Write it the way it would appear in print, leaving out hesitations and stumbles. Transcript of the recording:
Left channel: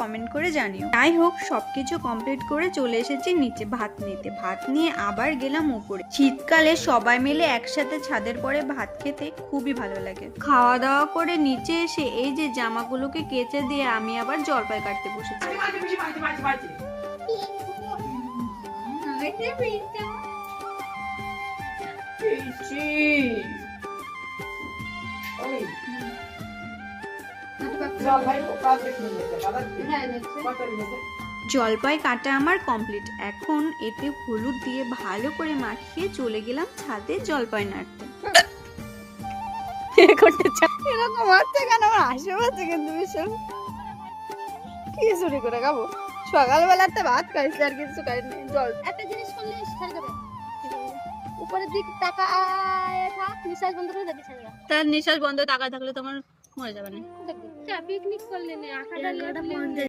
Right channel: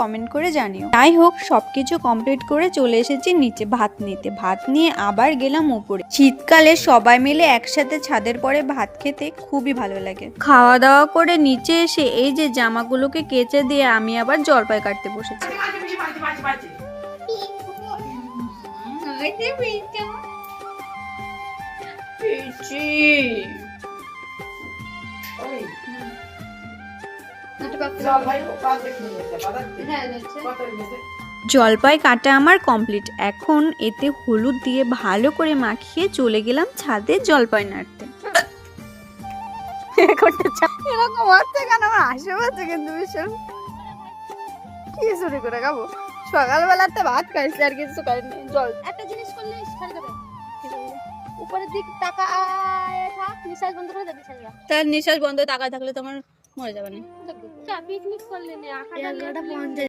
Comment করে জানিও। যাই হোক, সবকিছু কমপ্লিট করে চলে এসেছি নিচে ভাত নিতে। ভাত নিয়ে আবার গেলাম উপরে। শীতকালে সবাই মিলে একসাথে ছাদের পরে ভাত খেতে খুবই ভালো লাগে। খাওয়া দাওয়া করে নিচে এসে এই যে জামাগুলোকে কেচে দিয়ে আমি আবার জলপাই কাটতে বসেছি। জলপাই কাটা আমার কমপ্লিট। এখন এতে হলুদ দিয়ে ভালো করে মাখিয়ে চলে গেলাম ছাদে জলপাই নাড়তে। এরকম হচ্ছে কেন? আমার হাসি পাচ্ছে কিন্তু ভীষণ। কি চুরি করে খাবো? সকালবেলাতে ভাত খাইছি আর কিছু খাইনি। জল একটা জিনিস করলে ছেড়ে দেবে, উপরের দিক টাকা থাক, নিঃশ্বাস বন্ধ করে দেবে ছেড়ে দাও। তার নিঃশ্বাস বন্ধ, টাকা থাকলে তোমার মরে যাবে না। পিকনিক করলে না